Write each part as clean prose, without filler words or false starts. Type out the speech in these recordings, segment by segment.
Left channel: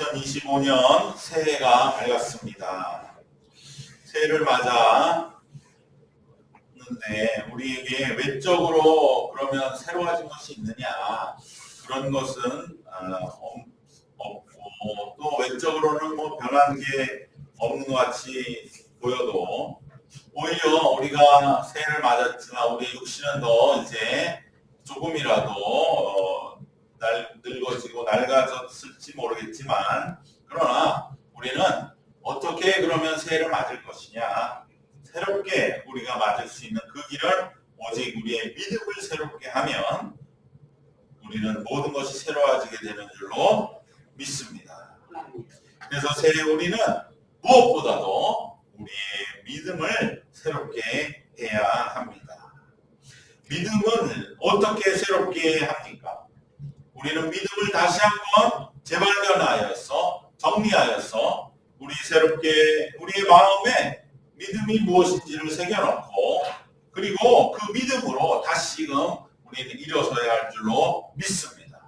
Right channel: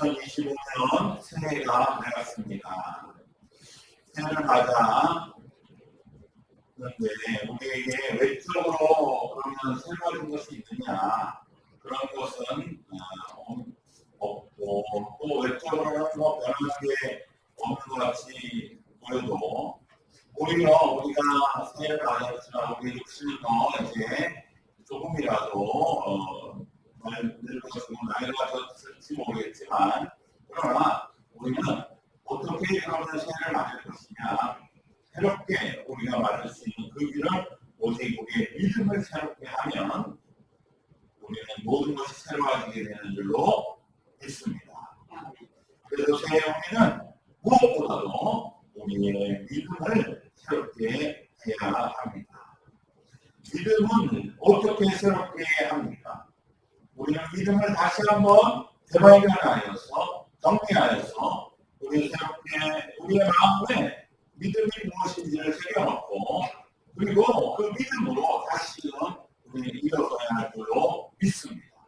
2025년 새해가 밝았습니다. 새해를 맞았는데 우리에게 외적으로 그러면 새로워진 것이 있느냐? 그런 것은 없고, 또 외적으로는 뭐 변한 게 없는 것 같이 보여도 오히려 우리가 새해를 맞았지만 우리의 육신은 더 이제 조금이라도 늙어지고 낡아졌을지 모르겠지만, 그러나 우리는 어떻게 그러면 새해를 맞을 것이냐, 새롭게 우리가 맞을 수 있는 그 길을 오직 우리의 믿음을 새롭게 하면 우리는 모든 것이 새로워지게 되는 줄로 믿습니다. 그래서 새해 우리는 무엇보다도 우리의 믿음을 새롭게 해야 합니다. 믿음은 어떻게 새롭게 합니까? 우리는 믿음을 다시 한번 재발견하여서 정리하여서 새롭게 우리의 마음에 믿음이 무엇인지를 새겨놓고, 그리고 그 믿음으로 다시금 우리는 일어서야 할 줄로 믿습니다.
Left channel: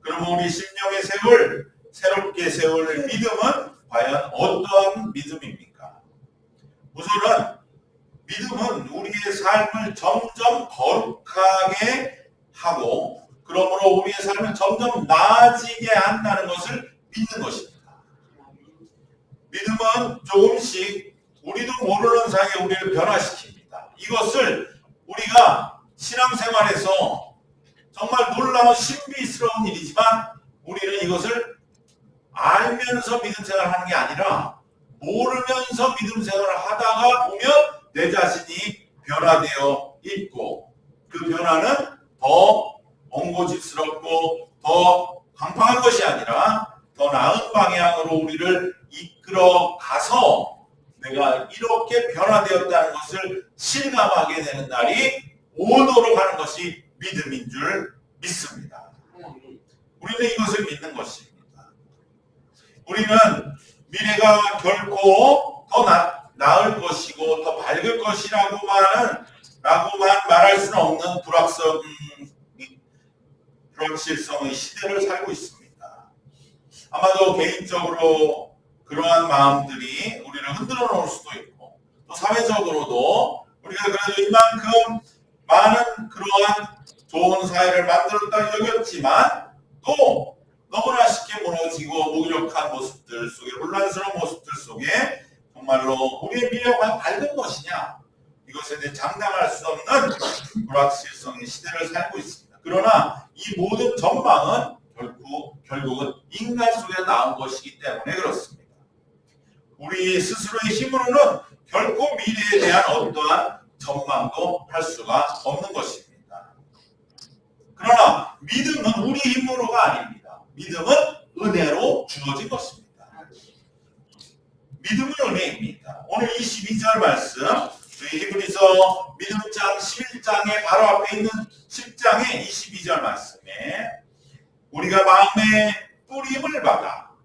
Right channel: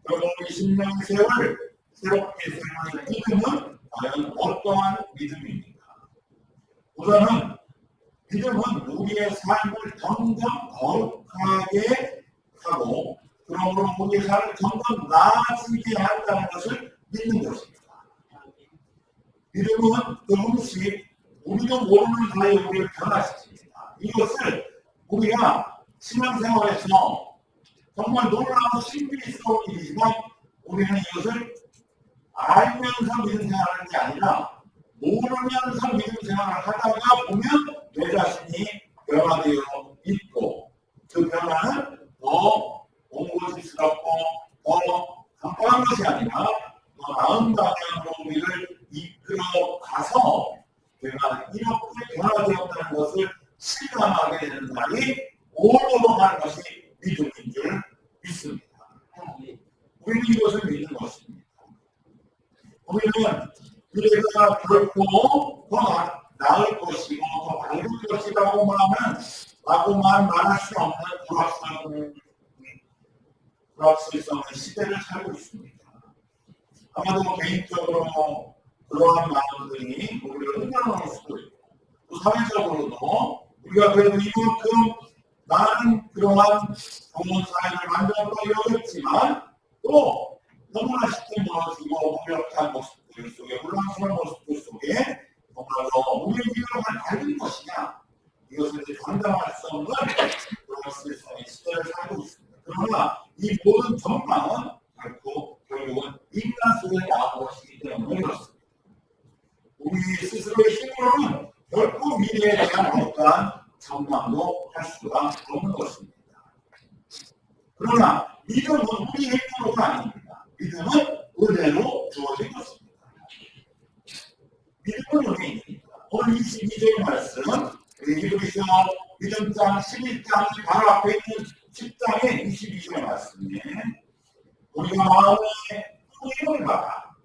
그러면 우리 심령의 새롭게 세울 믿음은 과연 어떠한 믿음입니까? 우선은 믿음은 우리의 삶을 점점 거룩하게 하고, 그러므로 우리의 삶을 점점 나아지게 한다는 것을 믿는 것입니다. 믿음은 조금씩 우리도 모르는 사이에 우리를 변화시킵니다. 이것을 우리가 신앙생활에서 정말 놀라운 신비스러운 일이지만, 우리는 이것을 알면서 믿음 생활을 하는 게 아니라 모르면서 믿음 생활을 하다가 보면 내 자신이 변화되어 있고, 그 변화는 더 옹고집스럽고 더 강팍한 것이 아니라 더 나은 방향으로 우리를 이끌어 가서 내가 이렇게 변화되었다는 것을 실감하게 되는 날이 오도록 하는 것이 믿음인 줄 믿습니다. 우리는 이것을 믿는 것입니다. 우리는 미래가 결코 더 나을 것이고 더 밝을 것이라고만 말할 수는 없는 불확실성의 시대를 살고 있습니다. 아마도 개인적으로 그러한 마음들이 우리를 흔들어 놓을 수도 있고, 또 사회적으로도 우리가 그래도 이만큼 많은 그러한 좋은 사회를 만들었다 여겼지만, 또 너무나 쉽게 무너지고 무기력한 모습들 속에, 혼란스러운 모습들 속에 정말로 우리의 미래가 과연 밝은 것이냐, 이것에 대해 장담할 수 없는 불확실성의 시대를 살고 있습니다. 그러나 이 모든 전망은 결국은 인간 속에서 나온 것이기 때문에 그렇습니다. 우리 스스로의 힘으로는 결코 미래에 대한 어떠한 전망도 할 수가 없는 것입니다. 그러나 믿음은 우리 힘으로가 아닙니다. 믿음은 은혜로 주어진 것입니다. 믿음은 은혜입니다. 오늘 22절 말씀, 히브리서 믿음장 11장의 바로 앞에 있는 10장의 22절 말씀에 우리가 마음의 뿌림을 받아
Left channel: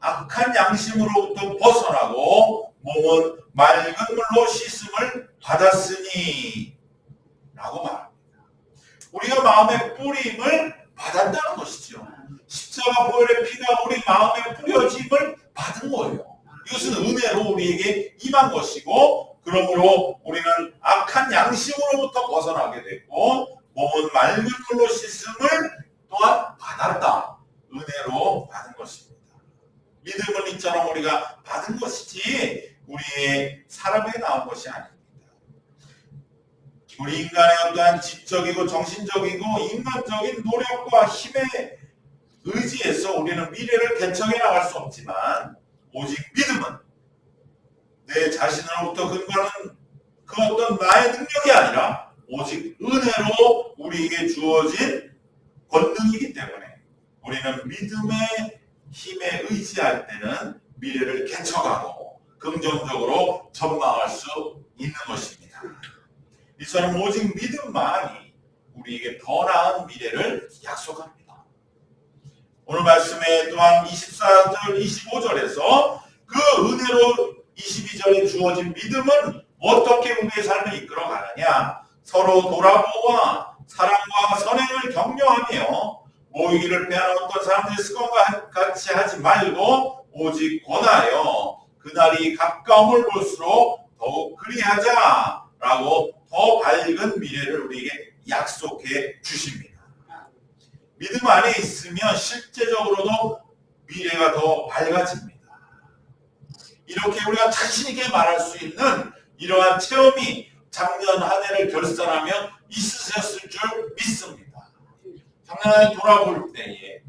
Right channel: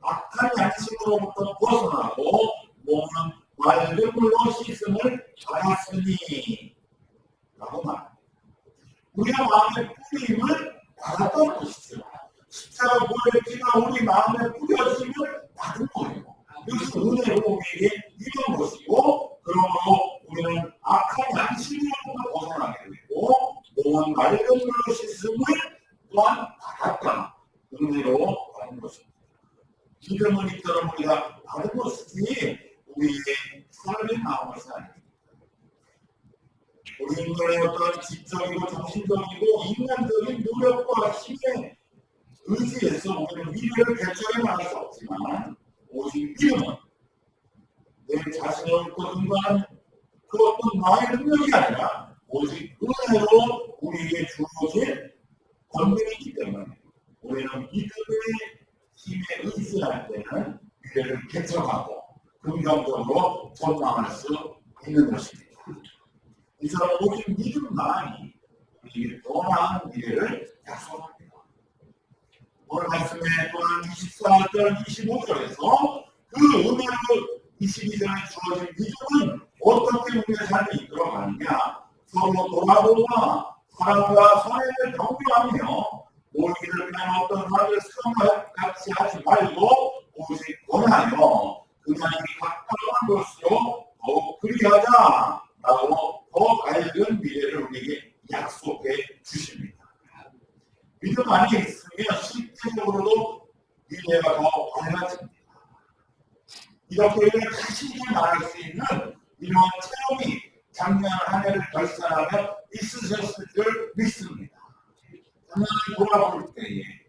악한 양심으로부터 벗어나고 몸은 맑은 물로 씻음을 받았으니 라고 말합니다. 우리가 마음의 뿌림을 받았다는 것이죠. 십자가 보혈의 피가 우리 마음에 뿌려짐을 받은 거예요. 이것은 은혜로 우리에게 임한 것이고, 그러므로 우리는 악한 양심으로부터 벗어나게 됐고, 몸은 맑은 물로 씻음을 또한 받았다. 은혜로 받은 것입니다. 믿음은 이처럼 우리가 받은 것이지 우리의 사람에 나온 것이 아닙니다. 우리 인간의 어떠한 지적이고 정신적이고 인간적인 노력과 힘에 의지해서 우리는 미래를 개척해 나갈 수 없지만, 오직 믿음은 내 자신으로부터 근거하는 그 어떤 나의 능력이 아니라 오직 은혜로 우리에게 주어진 권능이기 때문에 우리는 믿음의 힘에 의지할 때는 미래를 개척하고 긍정적으로 전망할 수 있는 것입니다. 이처럼 오직 믿음만이 우리에게 더 나은 미래를 약속합니다. 오늘 말씀에 또한 24절, 25절에서 그 은혜로 22절에 주어진 믿음은 어떻게 우리의 삶을 이끌어 가느냐, 서로 돌아보아 사랑과 선행을 격려하며 모이기를 피하는 어떤 사람들의 습관과 같이 하지 말고 오직 권하여 그날이 가까움을 볼수록 더욱 그리하자라고 더 밝은 미래를 우리에게 약속해 주십니다. 믿음 안에 있으면 실제적으로도 미래가 더 밝아집니다. 이렇게 우리가 자신 있게 말할 수 있는 이러한 체험이 작년 한 해를 결산하며 있으셨을 줄 믿습니다. 작년 한 해 돌아볼 때에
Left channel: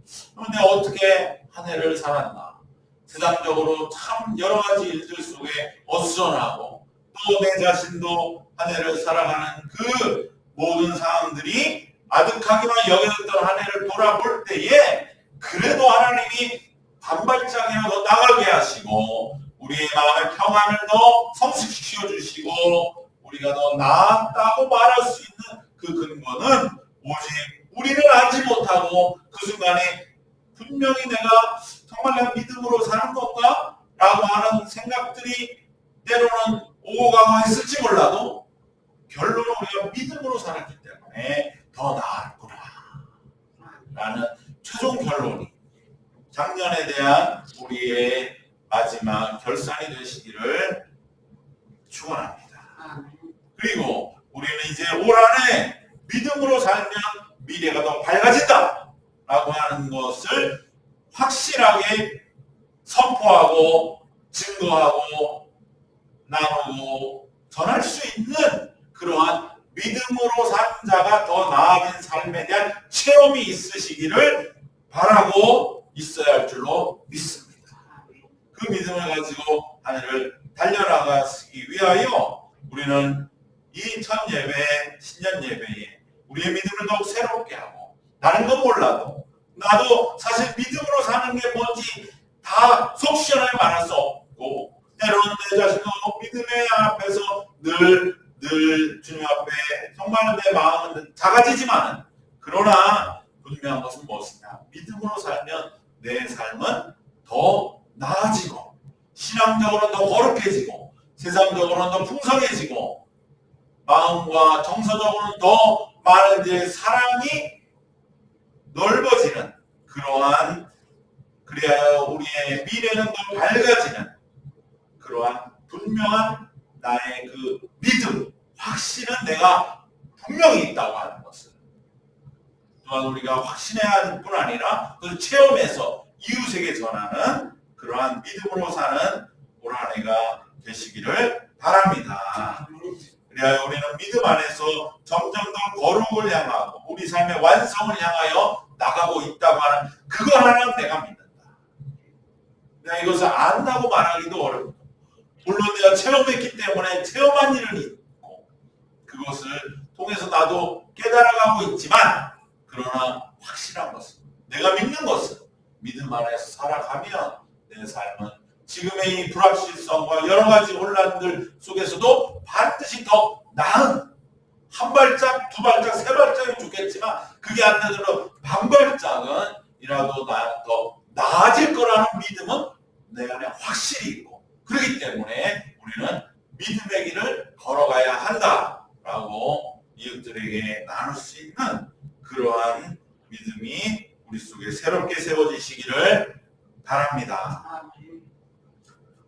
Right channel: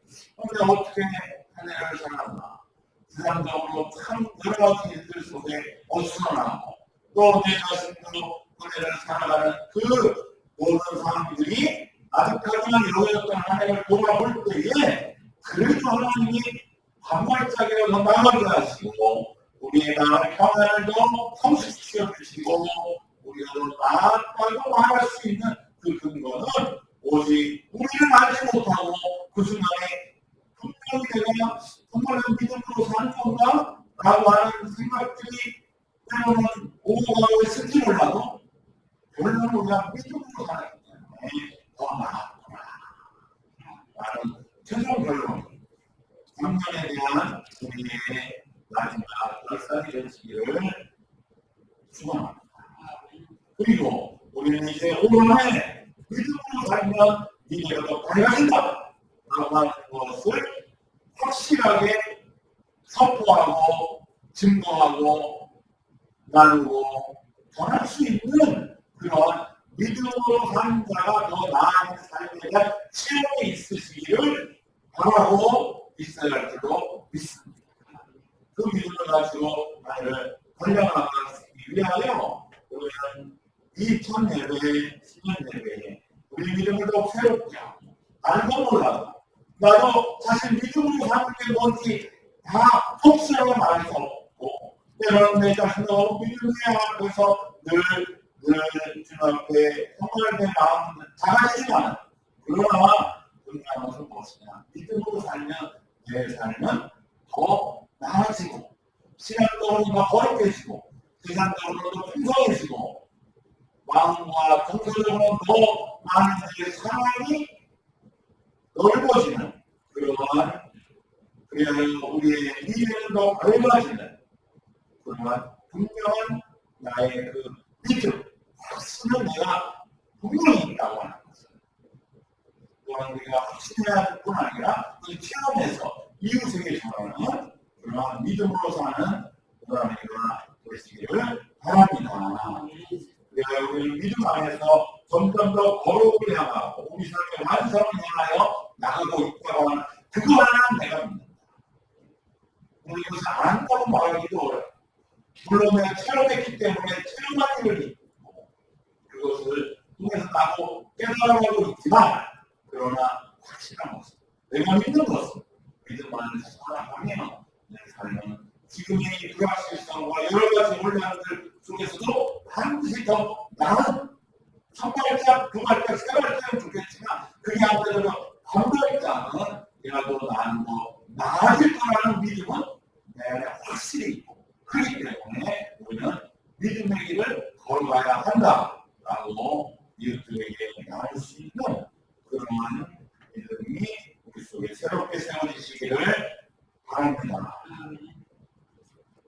내가 어떻게 한 해를 살았나, 세상적으로 참 여러 가지 일들 속에 어수선하고 또 내 자신도 한 해를 살아가는 그 모든 상황들이 아득하기만 여겨졌던 한 해를 돌아볼 때에 그래도 하나님이 한 발짝이라도 더 나가게 하시고 우리의 마음의 평안을 더 성숙시켜 주시고 우리가 더 나았다고 말할 수 있는 그 근거는 오직 우리는 알지 못하고 그 순간에 분명히 내가 정말 난 믿음으로 사는 건가? 라고 하는 생각들이 때로는 오고 가고 했을지 몰라도 결론은 우리가 믿음으로 살았기 때문에 더 나았구나 라는 최종 결론이 작년에 대한 우리의 마지막 결산이 되시기를 축원합니다. 그리고 우리는 이제 올 한 해 믿음으로 살면 미래가 더 밝아진다 라고 하는 것을 확실하게 선포하고 증거하고 나누고 전할 수 있는 그러한 믿음으로 산 자가 더 나아진 삶에 대한 체험이 있으시기를 바라고 있어야 할 줄로 믿습니다. 그 믿음을 가지고 한 해를 달려나가기 위하여 우리는 이 첫 예배, 신년 예배에 우리의 믿음을 더욱 새롭게 하고 다른 건 몰라도 나도 사실 믿음으로 사는 게 뭔지 다 속 시원하게 말할 수 없고 때로는 내 자신도 믿음의 앞에서 늘 주님 앞에 정말 내 마음은 작아지지만 그러나 분명한 것은 무엇이냐? 믿음으로 살면 내 삶은 더 나아지고 신앙적으로는 더 거룩해지고 세상적으로는 더 풍성해지고 마음과 정서적으로는 더 많은 이들의 사랑이 넓어지는 그러한 그리하여 우리의 미래는 더 밝아지는 그러한 분명한 나의 그 믿음, 확신은 내가 분명히 있다고 하는 것을 또한 우리가 확신해야 할 뿐 아니라 그 체험에서 이웃에게 전하는 그러한 믿음으로 사는 올 한 해가 되시기를 바랍니다. 그리하여 우리는 믿음 안에서 점점 더 거룩을 향하고 우리 삶의 완성을 향하여 나가고 있다고 하는 그거 하나는 내가 믿는다. 내가 이것을 안다고 말하기도 어렵고 물론 내가 체험했기 때문에 체험한 일을 있고 그것을 통해서 나도 깨달아가고 있지만 그러나 확실한 것은 내가 믿는 것은 믿음 안에서 살아가면 내 삶은 지금의 이 불확실성과 여러 가지 혼란들 속에서도 반드시 더 나은 한 발짝, 두 발짝, 세 발짝은 좋겠지만 그게 안 되더라도 반 발짝은 이라도 나는 더 나아질 거라는 믿음은 내 안에 확실히 있고 그렇기 때문에 우리는 믿음의 길을 걸어가야 한다라고 이웃들에게 나눌 수 있는 그러한 믿음이 우리 속에 새롭게 세워지시기를 바랍니다.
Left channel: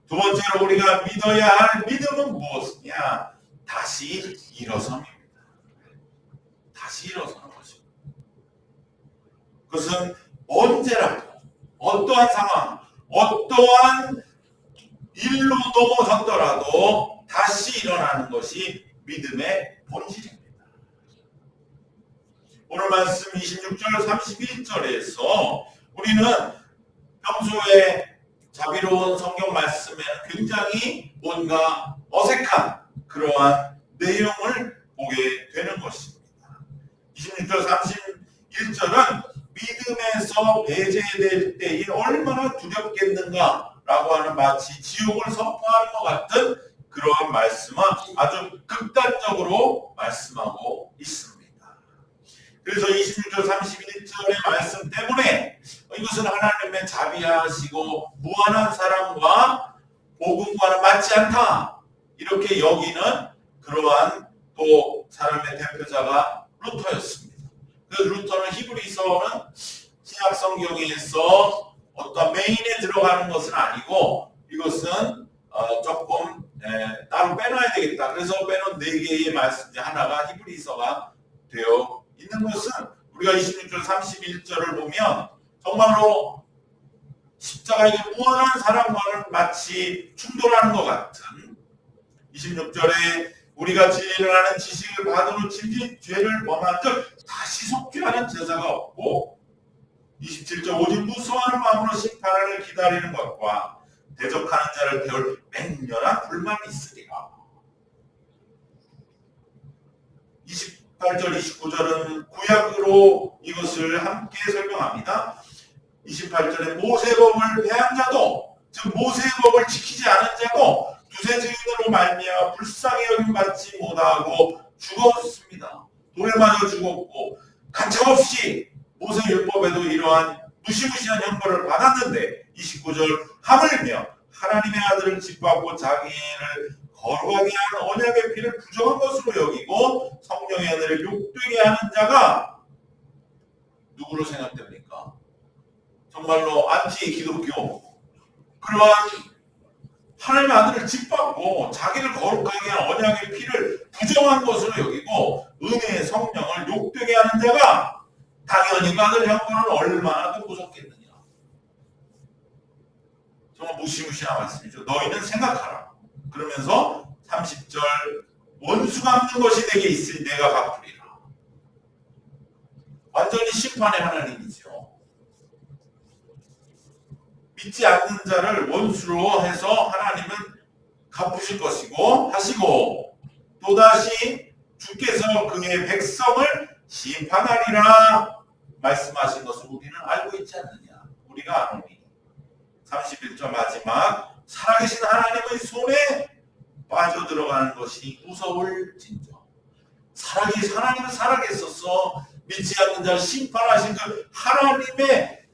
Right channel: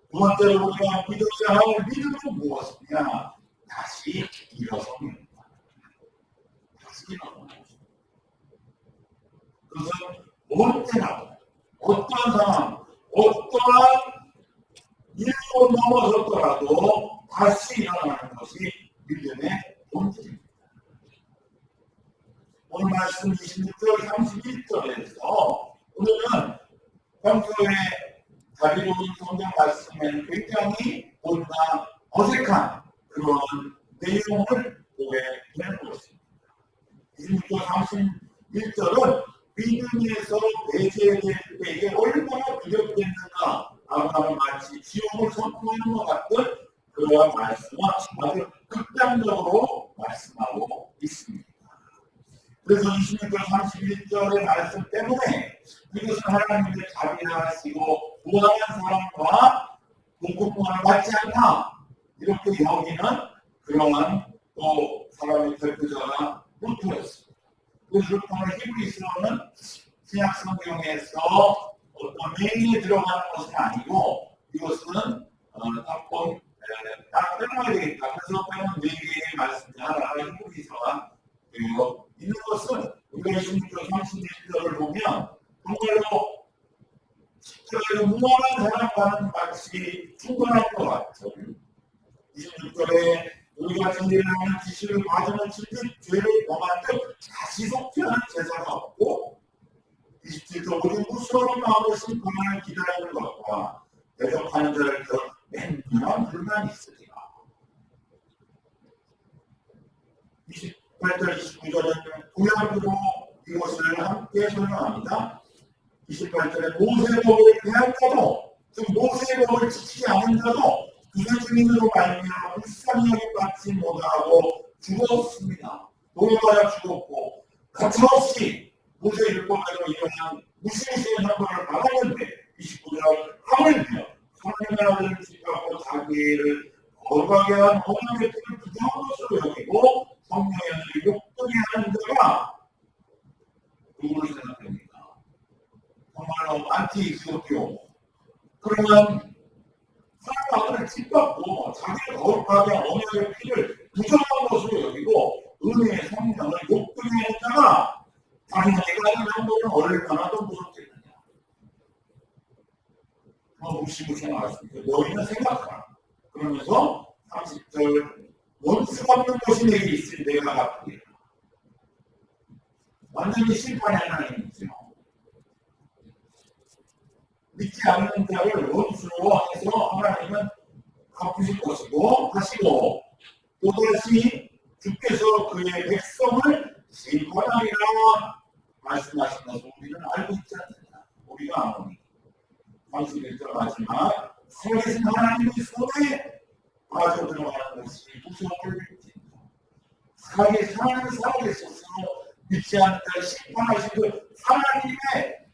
두 번째로 우리가 믿어야 할 믿음은 무엇이냐? 다시 일어섬입니다. 다시 일어서는 것입니다. 그것은 언제라도 어떠한 상황, 어떠한 일로 넘어졌더라도 다시 일어나는 것이 믿음의 본질입니다. 오늘 말씀 26절, 31절에서 우리는 평소에 자비로운 성경 말씀에는 굉장히 뭔가 어색한 그러한 내용을 보게 되는 것입니다. 26절, 31절은 믿음에서 배제될 때에 얼마나 두렵겠는가 라고 하는 마치 지옥을 선포하는 것 같은 그러한 말씀은 아주 극단적으로 말씀하고 있습니다. 그래서 26절 31절의 말씀 때문에 이것은 하나님의 자비하시고 무한한 사랑과 복음과는 맞지 않다 이렇게 여기는 그러한 또 사람의 대표자가 루터였습니다. 그 루터는 히브리서는 신약 성경에서 어떤 메인에 들어가는 것은 아니고 이것은 조금 따로 빼놔야 되겠다. 그래서 빼놓은 4개의 말씀 중 하나가 히브리서가 되어 있는 것은 우리가 26절 31절을 보면 정말로 십자가의 무한한 사랑과는 마치 충돌하는 것 같은 26절에 우리가 진리를 아는 지식을 받은 후 침짓 죄를 범한 즉 다시 속죄하는 제사가 없고 27절 오직 무수하는 마음으로 심판을 기다리는 것과 대적하는 자를 태울 맹렬한 불만이 있으리라. 28절 29절은 구약으로 이것을 함께 설명합니다. 28절에 모세법을 폐한 자도 즉 모세법을 지키지 않은 자도 두세 증인으로 말미암아 불쌍히 여김 받지 못하고 죽었습니다. 돌에 맞아 죽었고 가차없이 모세율법에도 이러한 무시무시한 형벌을 받았는데 29절 하물며 하나님의 아들을 짓밟고 자기를 거룩하게 한 언약의 피를 부정한 것으로 여기고 성령의 하늘을 욕되게 하는 자가 누구로 생각됩니까? 정말로 안티 기독교 그러한 하나님의 아들을 짓밟고 자기를 거룩하게 한 언약의 피를 부정한 것으로 여기고 은혜의 성령을 욕되게 하는 자가 당연히 받을 형벌은 얼마나 더 무섭겠느냐. 정말 무시무시한 말씀이죠. 너희는 생각하라. 그러면서 30절 원수 갚는 것이 내게 있으니 내가 갚으리라. 완전히 심판의 하나님이지요. 믿지 않는 자를 원수로 해서 하나님은 갚으실 것이고 하시고 또다시 주께서 그의 백성을 심판하리라 말씀하신 것을 우리는 알고 있지 않느냐. 우리가 아노니 31절 마지막 살아계신 하나님의 손에 빠져들어가는 것이 무서울진저. 하나님은 살아계셔서 믿지 않는 자를 심판하신 그 하나님의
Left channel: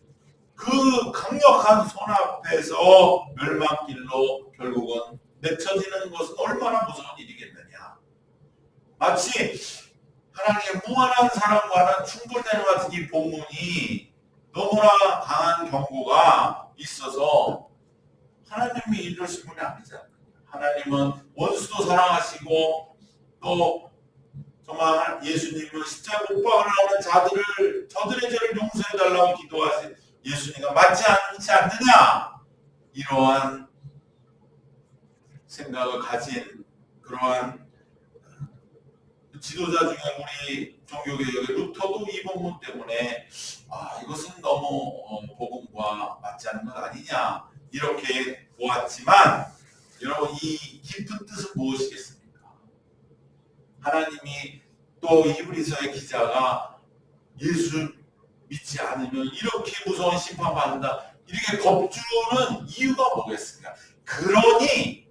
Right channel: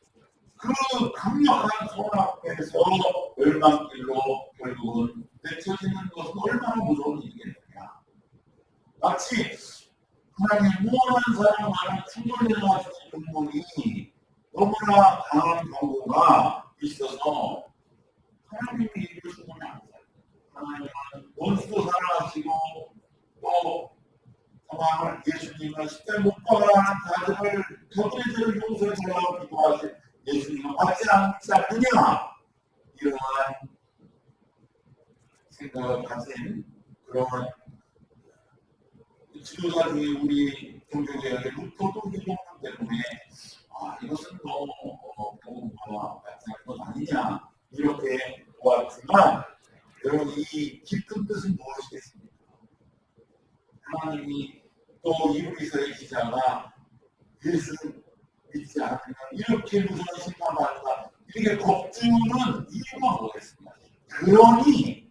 그 강력한 손 앞에서 멸망길로 결국은 내쳐지는 것은 얼마나 무서운 일이겠느냐. 마치 하나님의 무한한 사랑과는 충돌되는 것 같은 이 본문이 너무나 강한 경고가 있어서 하나님이 이러신 분이 아니잖아요. 하나님은 원수도 사랑하시고 또 정말 예수님은 십자가에 못 박으라는 자들을 저들의 죄를 용서해 달라고 기도하신 예수님과 맞지 않지 않느냐. 이러한 생각을 가진 그러한 지도자 중에 우리 종교개혁의 루터도 이 본문 때문에 이것은 너무 복음과 맞지 않는 것 아니냐 이렇게 보았지만 여러분 이 깊은 뜻은 무엇이겠습니까? 하나님이 또 히브리서의 기자가 예수 믿지 않으면 이렇게 무서운 심판받는다 이렇게 겁주는 이유가 뭐겠습니까? 그러니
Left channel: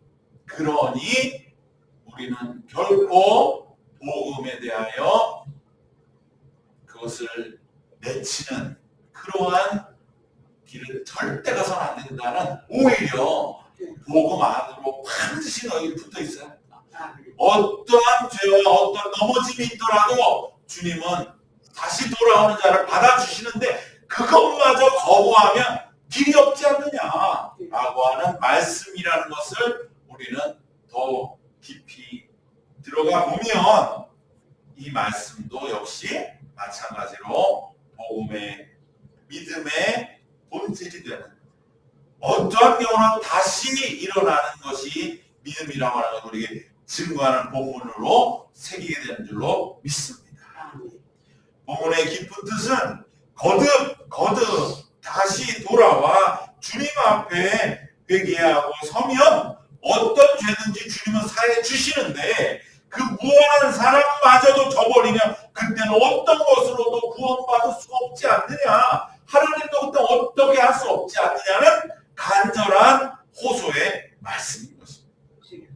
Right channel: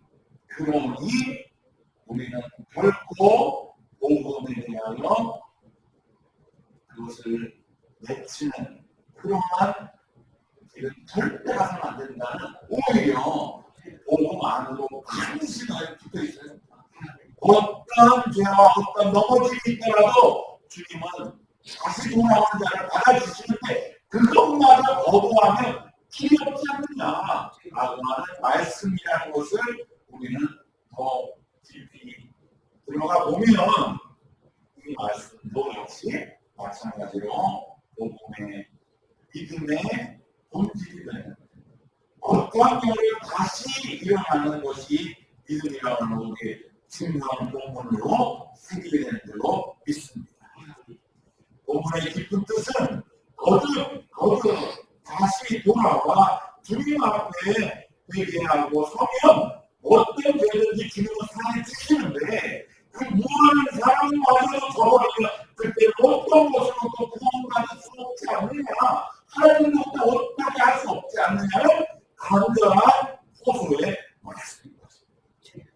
우리는 결코 복음에 대하여 그것을 내치는 그러한 길을 절대 가서는 안 된다는 오히려 복음 안으로 반드시 너희 붙어 있어야 한다. 어떠한 죄와 어떠한 넘어짐이 있더라도 주님은 다시 돌아오는 자를 받아주시는데 그것마저 거부하면 길이 없지 않느냐라고 하는 말씀이라는 것을 우리는 더 깊이 들어가 보면 이 말씀도 역시 마찬가지로 복음의 믿음의 본질이 되는 어떠한 경우로 다시 일어나는 것이 믿음이라고 하는 것을 우리에게 증거하는 본문으로 새기게 되는 줄로 믿습니다. 본문의 깊은 뜻은 거듭 다시 돌아와 주님 앞에 회개하고 서면 어떤 죄든지 주님은 사해 주시는데 그 무한한 사랑마저도 저버리면 그때는 어떤 것으로도 구원받을 수가 없지 않느냐. 하나님도 그때 어떻게 할 수 없지 않느냐는 간절한 호소의 말씀인 것입니다.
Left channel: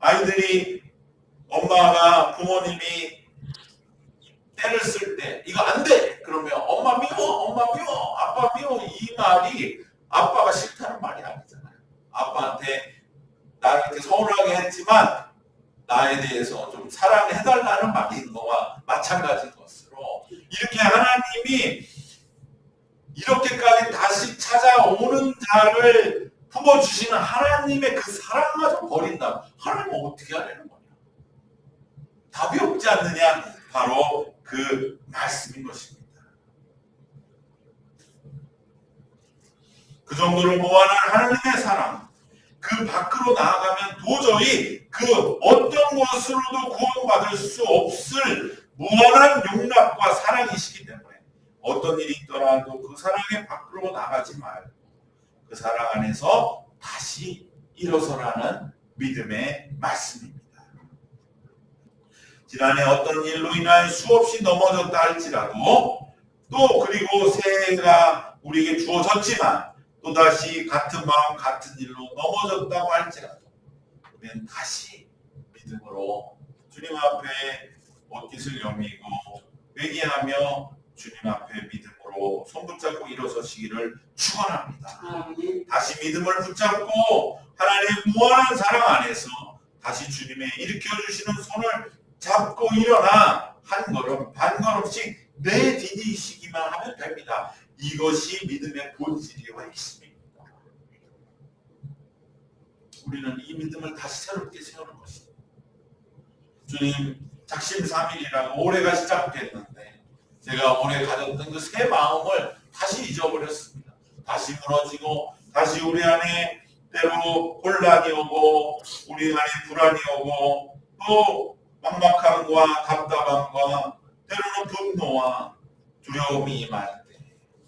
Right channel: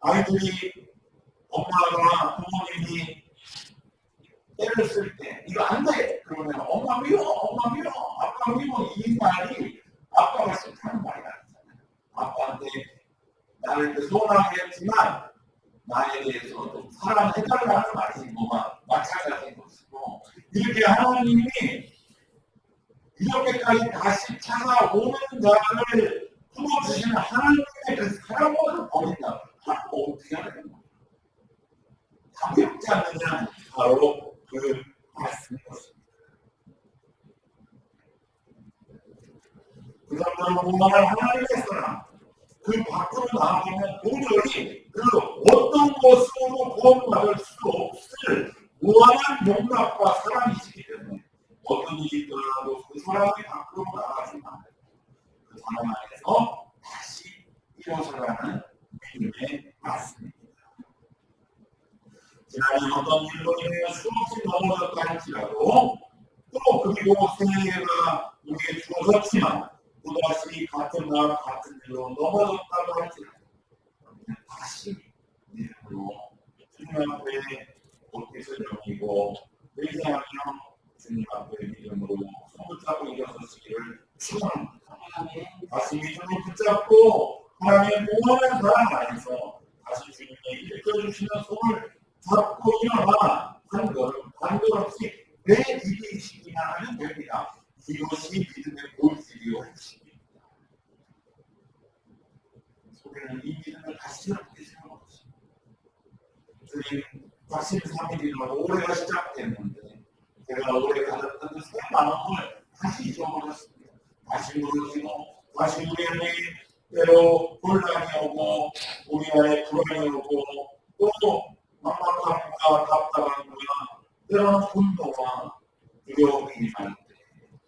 아이들이 엄마가 부모님이 때를 쓸 때 이거 안 돼! 그러면 엄마 미워, 아빠 미워 이 말이 아빠가 싫다는 말이 아니잖아요. 아빠한테 나를 이렇게 서운하게 했지만 나에 대해서 좀 사랑해달라는 말인 거와 마찬가지인 것으로 이렇게 하나님이 이렇게까지 다시 찾아오는 자를 품어주시는 하나님의 그 사랑마저 버린다. 하나님은 어떻게 하려는 거냐? 답이 없지 않느냐? 바로 그 말씀인 것입니다. 그 정도로 무한한 하나님의 사랑, 그 밖으로 나아가면 도저히 그 어떤 것으로도 구원받을 수 없을 무한한 용납과 사랑이시기 때문에 어떤 일이 있더라도 그 사랑의 밖으로 나가지 말고 그 사랑 안에서 다시 일어서라는 믿음의 말씀입니다. 지난해 어떤 일로 인하여 수없이 넘어졌다 할지라도 또 그리고 새해가 우리에게 주어졌지만 또다시 같은 마음 같은 일로 넘어졌다고 할지라도 우리는 다시 믿음으로 주님 앞에 옷깃을 여미고 회개하며 주님 앞에 믿음으로 손붙잡고 일어서시기를 축원합니다. 아멘. 다시 믿음을 붙잡고 하나님의 무한한 사랑 안에서 다시 주님의 일으켜주시는 손을 잡고 일어나 한 걸음 반 걸음씩 내디디시기만 하면 됩니다. 이것이 믿음의 본질이요 핵심입니다. 우리는 이 믿음을 다시 새롭게 세우는 것입니다. 주님 작심삼일이라고 올해가 시작됐는데 제가 올해 가졌던 그 새 마음을 다시 잊어버렸습니다. 다시 무너지고 다시 우리 안에 때로 혼란이 오고 우리 안에 불안이 오고 또 막막함과 답답함과 때로는 분노와 두려움이 임할 때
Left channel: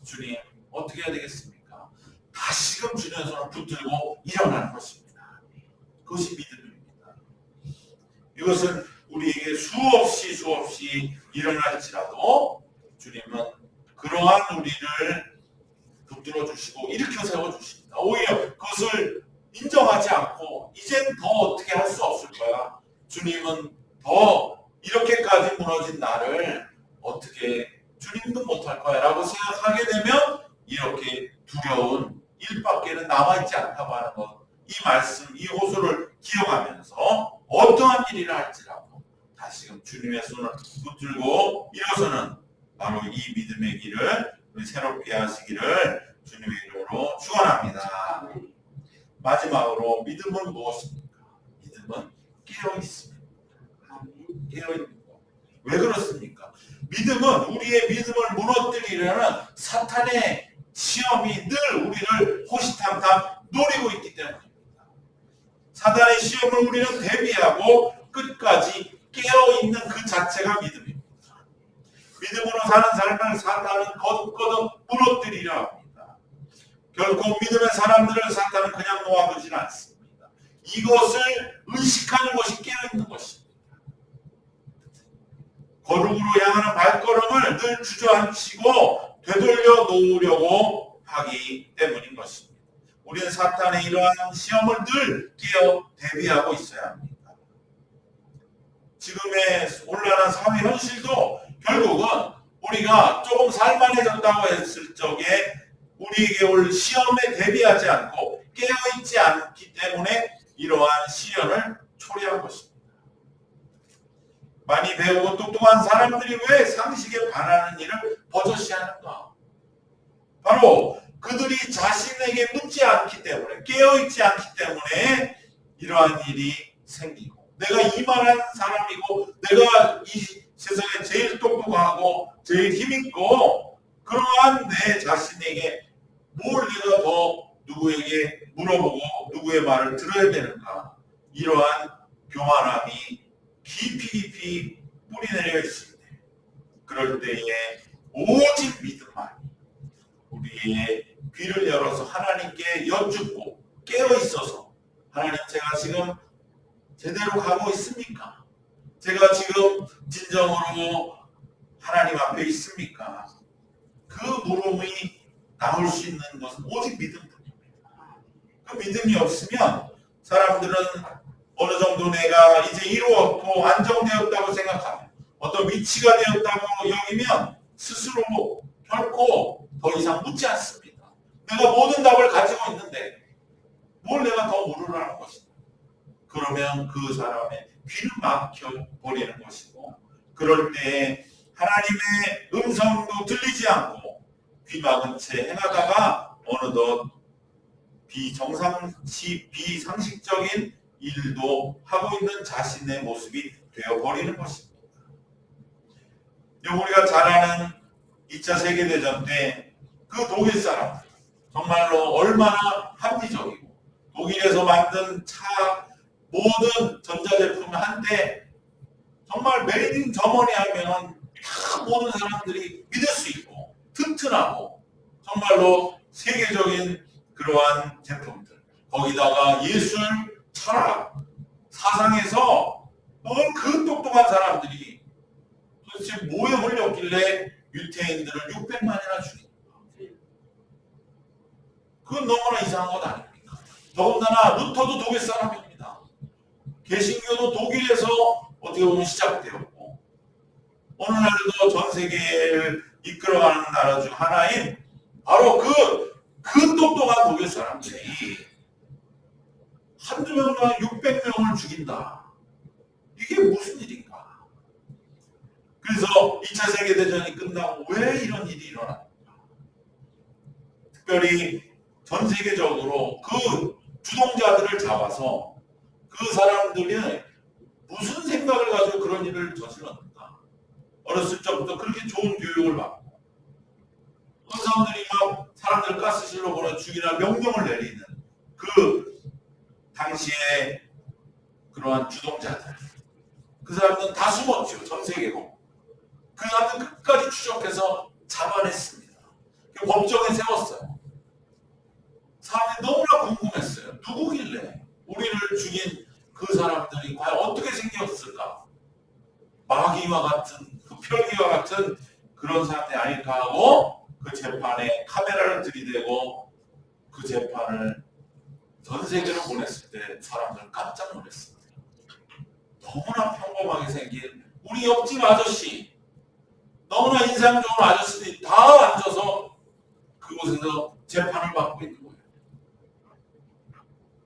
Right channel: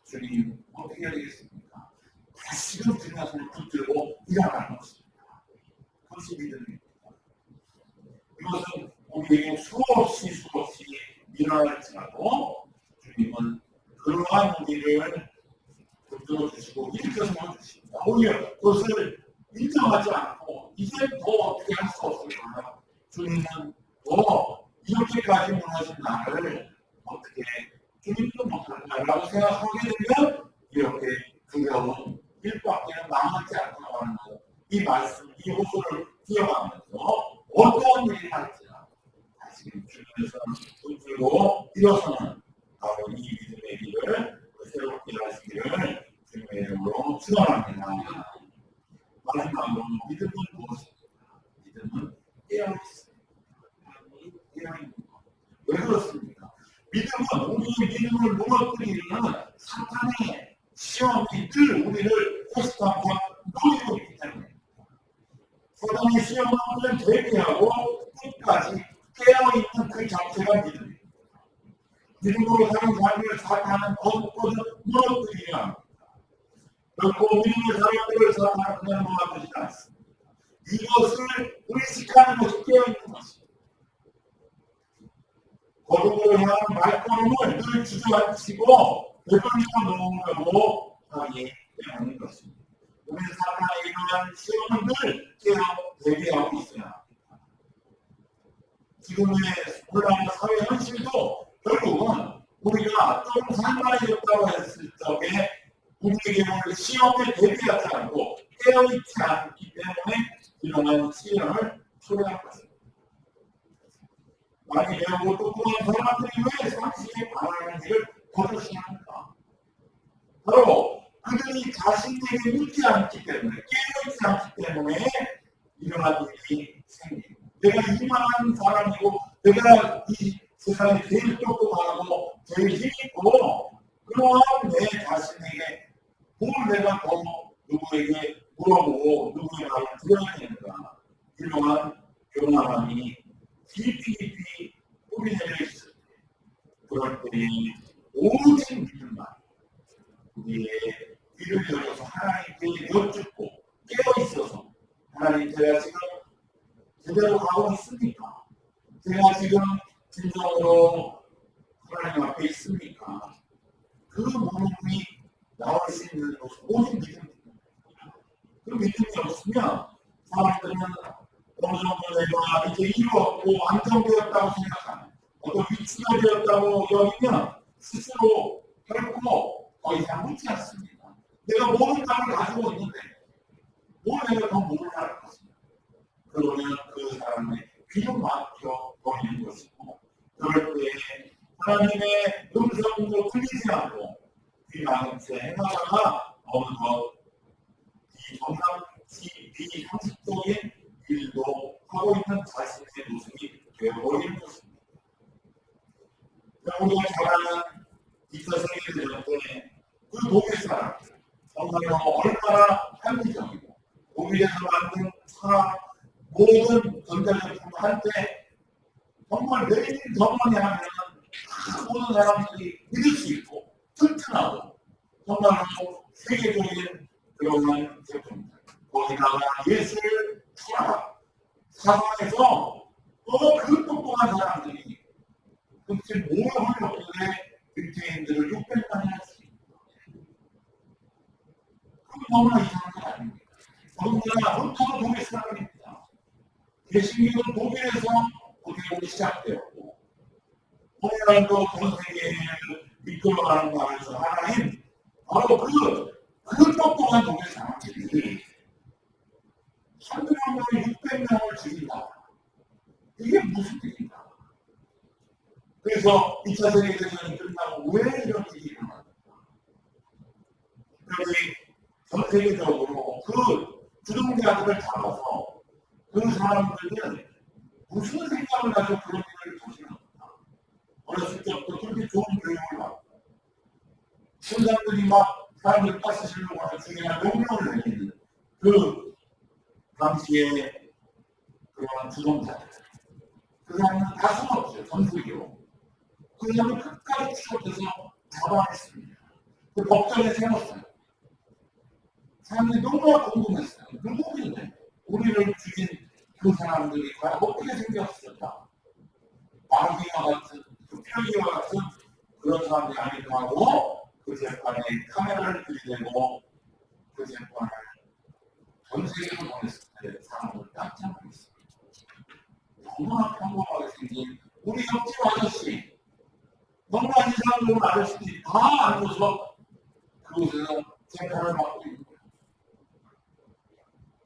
주님 어떻게 해야 되겠습니까? 다시금 주님의 손을 붙들고 일어나는 것입니다. 그것이 믿음입니다. 이것은 우리에게 수없이 일어날지라도 주님은 그러한 우리를 붙들어 주시고 일으켜 세워 주십니다. 오히려 그것을 인정하지 않고 이젠 더 어떻게 할 수 없을 거야. 주님은 더 이렇게까지 무너진 나를 어떻게 주님도 못할 거야 라고 생각하게 되면 이렇게 두려운 일밖에는 남아있지 않다고 하는 것, 이 말씀, 이 호소를 기억하면서 어떠한 일이라 할지라도 다시금 주님의 손을 붙들고 일어서는 바로 이 믿음의 길을 우리 새롭게 하시기를 주님의 이름으로 축원합니다. 마지막으로 믿음은 무엇입니까? 믿음은 깨어 있습니다. 깨어 있는 것. 왜 그렇습니까? 믿음은 우리의 믿음을 무너뜨리려는 사탄의 시험이 늘 우리를 호시탐탐 노리고 있기 때문입니다. 사탄의 시험을 우리는 대비하고 끝까지 깨어 있는 그 자체가 믿음입니다. 믿음으로 사는 삶을 사탄은 거듭거듭 무너뜨리려 합니다. 결코 믿음의 사람들을 사탄은 그냥 놓아두지는 않습니다. 이것을 의식하는 것이 깨어있는 것입니다. 거룩으로 향하는 발걸음을 늘 주저앉히고 되돌려 놓으려고 하기 때문인 것입니다. 우리는 사탄의 이러한 시험을 늘 깨어 대비하고 있어야 합니다. 지금의 혼란한 사회 현실도 결국은 우리가 조금 살만해졌다고 했을 적에 우리에게 올 시험에 대비하지 않고 깨어있지 않기 때문에 이러한 시련을 초래한 것입니다. 많이 배우고 똑똑한 사람들이 왜 상식에 반하는 일을 버젓이 하는가? 바로 그들이 자신에게 묻지 않기 때문에 깨어있지 않기 때문에 이러한 일이 생기고 내가 이만한 사람이고 내가 이 세상에 제일 똑똑하고 제일 힘있고 그러한 내 자신에게 뭘 내가 더 누구에게 물어보고 누구의 말을 들어야 되는가 이러한 교만함이 깊이 뿌리내려 있을 때 그럴 때에 오직 믿음만이 우리의 귀를 열어서 하나님께 여쭙고 깨어있어서 하나님 제가 지금 제대로 가고 있습니까? 제가 지금 진정으로 하나님 앞에 있습니까? 그 물음이 나올 수 있는 것은 오직 믿음뿐입니다. 그 믿음이 없으면 사람들은 어느 정도 내가 이제 이루었고 안정되었다고 생각하면 어떤 위치가 되었다고 여기면 스스로 결코 더 이상 묻지 않습니다. 내가 모든 답을 가지고 있는데 뭘 내가 더 물으라는 것이냐. 그러면 그 사람의 귀는 막혀 버리는 것이고 그럴 때에 하나님의 음성도 들리지 않고 귀 막은 채 행하다가 어느덧 비상식적인 일도 하고 있는 자신의 모습이 되어버리는 것입니다. 우리가 잘 아는 2차 세계대전 때 그 독일 사람 정말로 얼마나 합리적이고 독일에서 만든 차 모든 전자제품 한때 정말 메이드 인 저머니 하면 다 모든 사람들이 믿을 수 있고 튼튼하고 정말로 세계적인 그러한 제품들 거기다가 예술, 철학, 사상에서 그 똑똑한 사람들이 도대체 뭐에 홀렸길래 유태인들을 600만이나 죽인 그건 너무나 이상한 것 아닙니까? 더군다나 루터도 독일 사람입니다. 개신교도 독일에서 어떻게 보면 시작되었고 오늘날도 전 세계를 이끌어가는 나라 중 하나인 바로 그 똑똑한 독일 사람들이 한두 명당 600명을 죽인다. 이게 무슨 일인가? 그래서 2차 세계대전이 끝나고 왜 이런 일이 일어났는가? 특별히 전 세계적으로 그 주동자들을 잡아서 그 사람들이 무슨 생각을 가지고 그런 일을 저질렀는가? 어렸을 적부터 그렇게 좋은 교육을 받고 그 사람들이 막 사람들을 가스실로 보내 죽이라 명령을 내리는 그 당시에 그러한 주동자들 그 사람들은 다 숨었죠. 전 세계로. 그 사람들 끝까지 추적해서 잡아냈습니다. 그 법정에 세웠어요. 사람들이 너무나 궁금했어요. 누구길래 우리를 죽인 그 사람들이 과연 어떻게 생겼을까? 마귀와 같은 그 펼기와 같은 그런 사람들이 아닐까 하고 그 재판에 카메라를 들이대고 그 재판을 전 세계로 보냈을 때 사람들 깜짝 놀랐습니다. 너무나 평범하게 생긴 우리 옆집 아저씨 너무나 인상 좋은 아저씨들이 다 앉아서 그곳에서 재판을 받고 있는 거예요.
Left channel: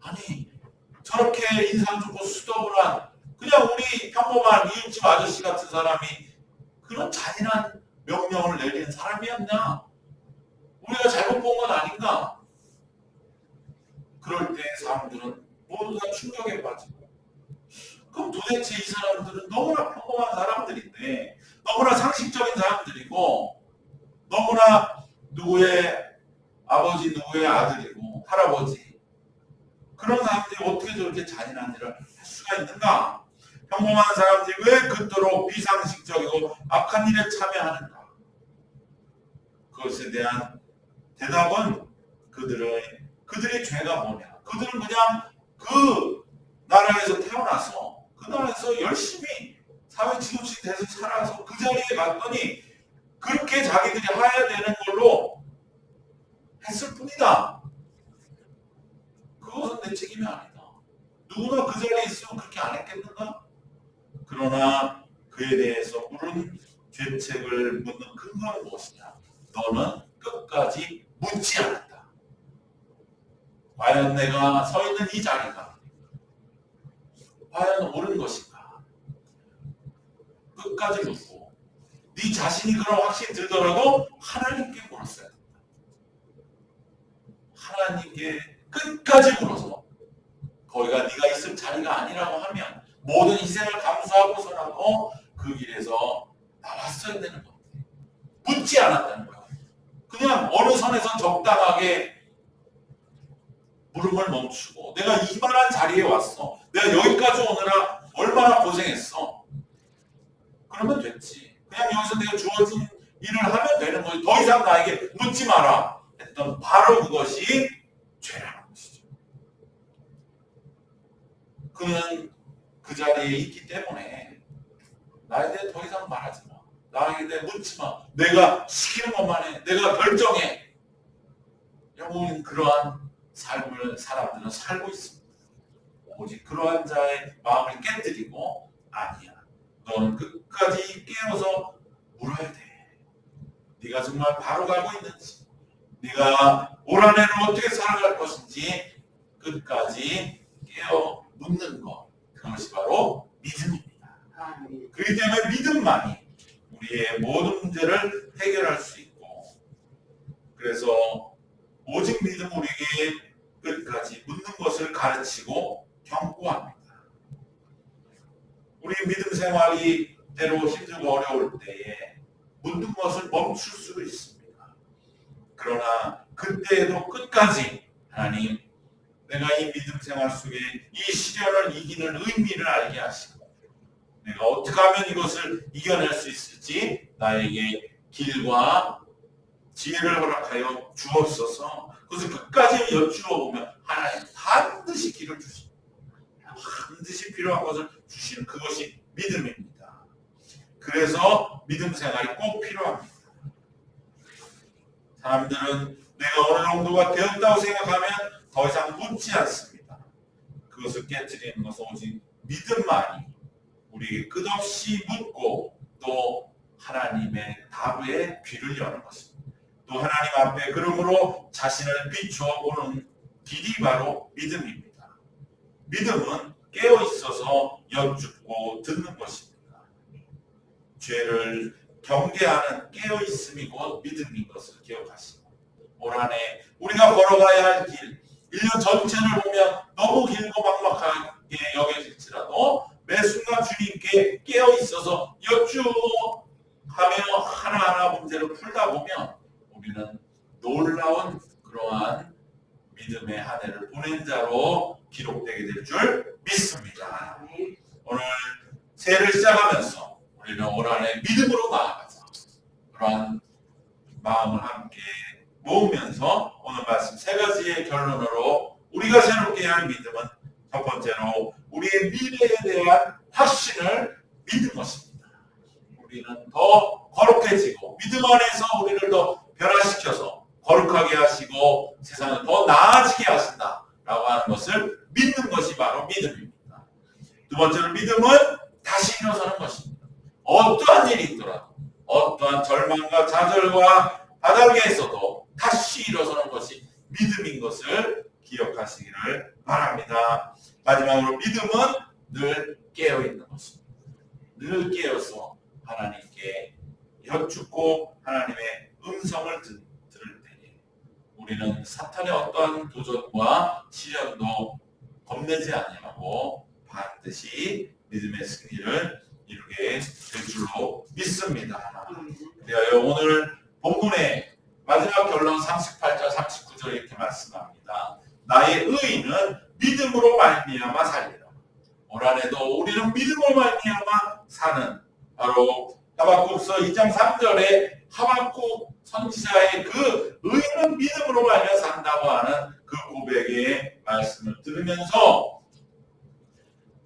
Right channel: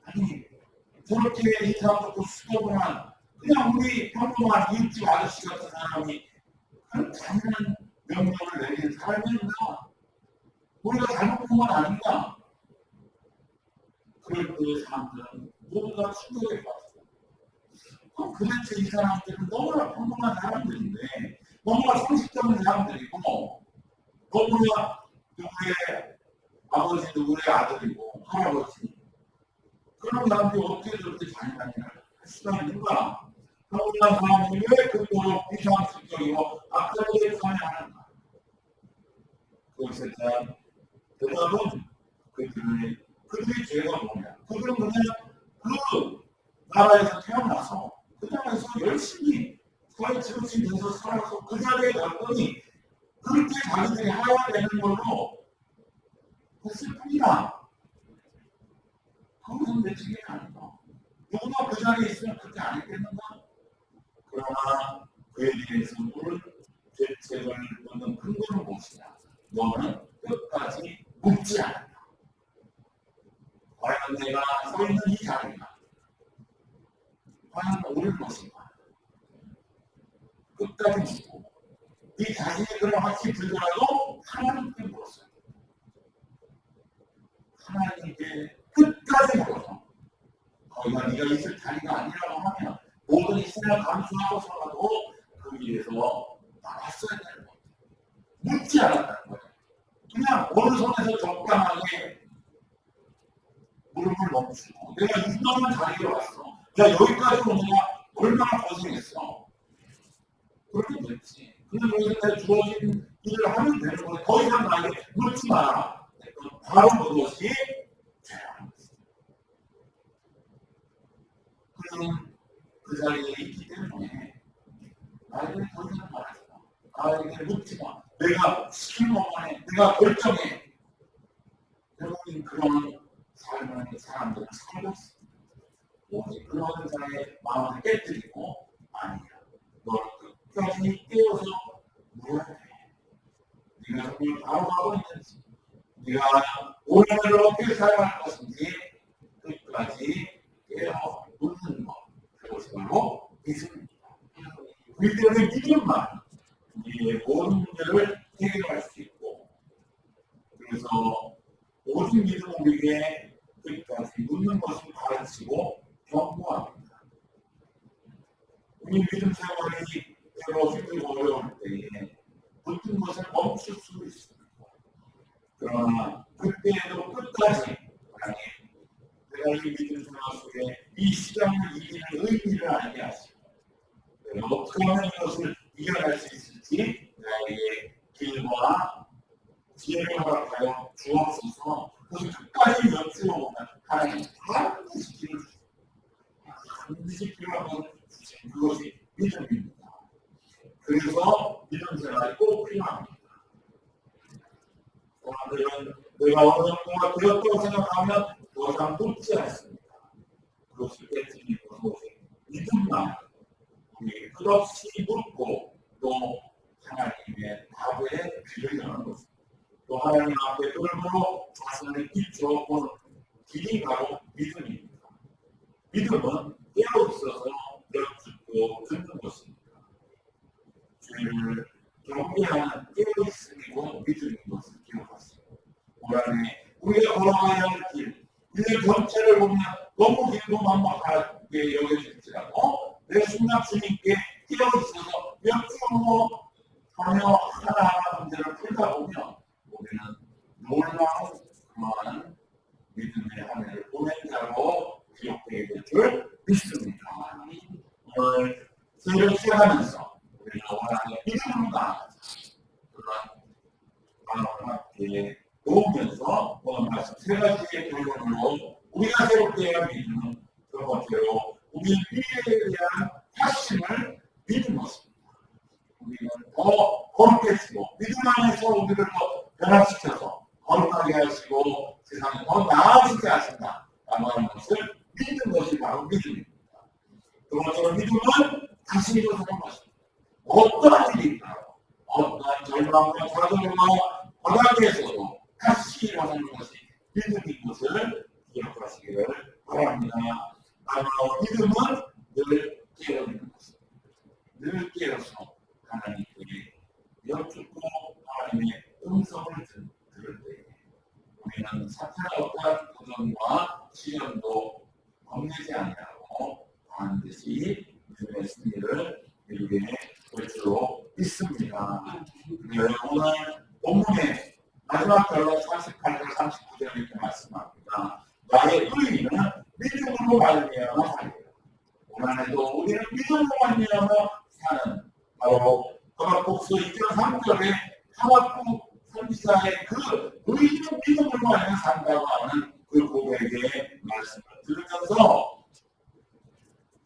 아니 저렇게 인상 좋고 수더분한 그냥 우리 평범한 이웃집 아저씨 같은 사람이 그런 잔인한 명령을 내리는 사람이었나? 우리가 잘못 본 건 아닌가? 그럴 때 사람들은 모두 다 충격에 빠지고 그럼 도대체 이 사람들은 너무나 평범한 사람들인데 너무나 상식적인 사람들이고 너무나 누구의 아버지 누구의 아들이고 할아버지 그런 사람들이 어떻게 저렇게 잔인한 일을 할 수가 있는가? 평범한 사람들이 왜 그토록 비상식적이고 악한 일에 참여하는가? 그것에 대한 대답은 그들의 죄가 뭐냐? 그들은 그냥 그 나라에서 태어나서 그 나라에서 열심히 사회 지도층이 돼서 살아서 그 자리에 갔더니 그렇게 자기들이 해야 되는 걸로 했을 뿐이다. 그것은 내 책임이 아니다. 누구나 그 자리에 있으면 그렇게 안 했겠는가? 그러나 그에 대해서 물은 죄책을 묻는 근거는 무엇이냐? 너는 끝까지 묻지 않았다. 과연 내가 서 있는 이 자리가 과연 옳은 것인가? 끝까지 묻고 네 자신이 그런 확신이 들더라도 하나님께 물었어야 된다. 하나님께 끝까지 물어서 거기가 네가 있을 자리가 아니라고 하면 모든 희생을 감수하고서라도 그 길에서 나왔어야 되는 겁니다. 묻지 않았다는 거예요. 그냥 어느 선에서 적당하게 물음을 멈추고 내가 이만한 자리에 왔어. 내가 여기까지 오느라 얼마나 고생했어. 그러면 됐지. 그냥 여기서 내가 주어진 일을 하면 되는 거지. 더 이상 나에게 묻지 마라 했던 바로 그것이 죄라는 것이죠. 그는 그 자리에 있기 때문에 나에 대해 더 이상 말하지 마. 나에 대해 묻지 마. 내가 시키는 것만 해. 내가 결정해. 여러분 그러한 삶을 사람들은 살고 있습니다. 오직 그러한 자의 마음을 깨뜨리고 아니야. 너는 끝까지 깨어서 물어야 돼. 네가 정말 바로 가고 있는지 네가 올 한 해를 어떻게 살아갈 것인지 끝까지 깨어 묻는 것. 그것이 바로 믿음입니다. 그렇기 때문에 믿음만이 우리의 모든 문제를 해결할 수 있고, 그래서 오직 믿음 우리에게 끝까지 묻는 것을 가르치고 경고합니다. 우리 믿음 생활이 때로 힘들고 어려울 때에 묻는 것을 멈출 수도 있습니다. 그러나 그때에도 끝까지 하나님, 내가 이 믿음 생활 속에 이 시련을 이기는 의미를 알게 하시고 내가 어떻게 하면 이것을 이겨낼 수 있을지 나에게 길과 지혜를 허락하여 주옵소서. 그것을 끝까지 여쭈어 보면 하나님 반드시 길을 주십니다. 반드시 필요한 것을 주시는 그것이 믿음입니다. 그래서 믿음 생활이 꼭 필요합니다. 사람들은 내가 어느 정도가 되었다고 생각하면 더 이상 묻지 않습니다. 그것을 깨트리는 것은 오직 믿음만이 우리에게 끝없이 묻고 또 하나님의 답에 귀를 여는 것입니다. 또 하나님 앞에 걸음으로 자신을 비춰보는 길이 바로 믿음입니다. 믿음은 깨어 있어서 여쭙고 듣는 것입니다. 죄를 경계하는 깨어 있음이 곧 믿음인 것을 기억하시고 올 한해 우리가 걸어가야 할 길, 1년 전체를 보면 너무 길고 막막하게 여겨질지라도 매 순간 주님께 깨어 있어서 여쭈어 하며 하나하나 문제를 풀다 보면 우리는 놀라운 그러한 믿음의 한 해를 보낸 자로 기록되게 될 줄 믿습니다. 오늘 새해를 시작하면서 우리는 올 한해 믿음으로 나아가자. 그러한 마음을 함께 모으면서 오늘 말씀 세 가지의 결론으로 우리가 새롭게 해야 할 믿음은 첫 번째로 우리의 미래에 대한 확신을 믿는 것입니다. 우리는 더 거룩해지고 믿음 안에서 우리를 더 변화시켜서 거룩하게 하시고 세상에 더 나아지게 하신다라고 하는 것을 믿는 것이 바로 믿음입니다. 두 번째로 믿음은 다시 일어서는 것입니다. 어떠한 일이 있더라도 어떠한 절망과 좌절과 바닥에서도 다시 일어서는 것이 믿음인 것을 기억하시기를 바랍니다. 마지막으로 믿음은 늘 깨어있는 것입니다. 늘 깨어서 하나님께 여쭙고 하나님의 음성을 들을 때에 우리는 사탄의 어떠한 도전과 시련도 겁내지 아니하고 반드시 믿음의 승리를 이루게 될 줄로 믿습니다. 그리하여 오늘 본문의 마지막 결론 38절 39절 이렇게 말씀합니다. 나의 의인은 믿음으로 말미암아 살리라. 올 한해도 우리는 믿음으로 말미암아 사는 바로 하박국서 2장 3절에 하박국 선지자의 그 의인은 믿음으로 말미암아 산다고 하는 그 고백의 말씀을 들으면서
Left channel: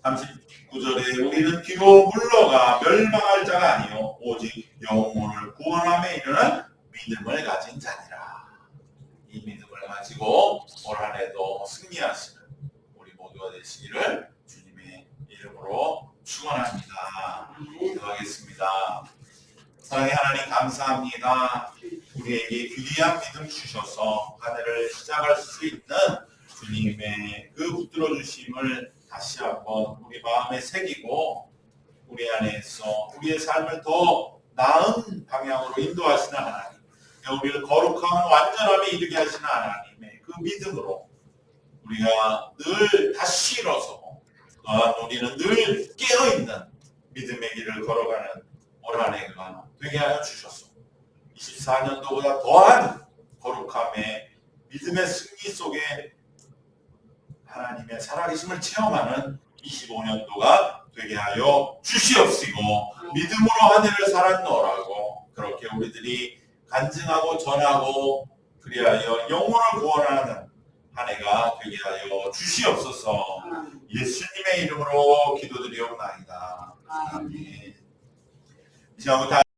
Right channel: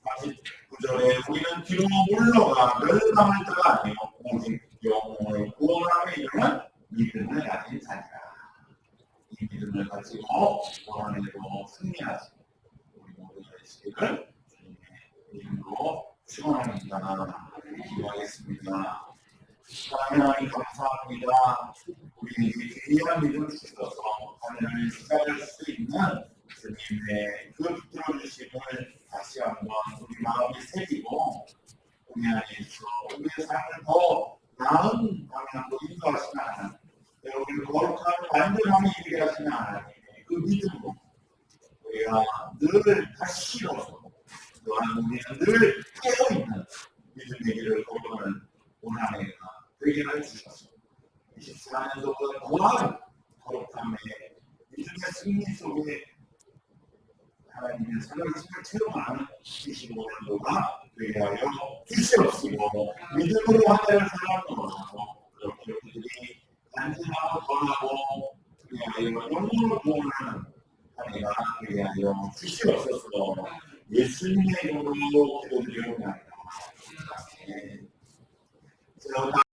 39절에 우리는 뒤로 물러가 멸망할 자가 아니요 오직 영혼을 구원함에 이르는 믿음을 가진 자니라. 이 믿음을 가지고 올 한해도 승리하시는 우리 모두가 되시기를 주님의 이름으로 축원합니다. 기도하겠습니다. 사랑의 하나님 감사합니다. 우리에게 귀한 믿음 주셔서 한 해를 시작할 수 있는 주님의 그 붙들어 주심을 다시 한번 우리 마음에 새기고 우리 안에서 우리의 삶을 더 나은 방향으로 인도하시는 하나님, 우리를 거룩한 완전함에 이르게 하시는 하나님의 그 믿음으로 우리가 늘 다시 일어서고 또한 우리는 늘 깨어있는 믿음의 길을 걸어가는 올 한 해가 되게 하여 주셔서 24년도보다 더한 거룩함의 믿음의 승리 속에 하나님의 살아계심을 체험하는 25년도가 되게 하여 주시옵시고 믿음으로 한 해를 살았노라고 그렇게 우리들이 간증하고 전하고 그리하여 영혼을 구원하는 한 해가 되게 하여 주시옵소서. 예수님의 이름으로 기도드리옵나이다. 아멘. 이제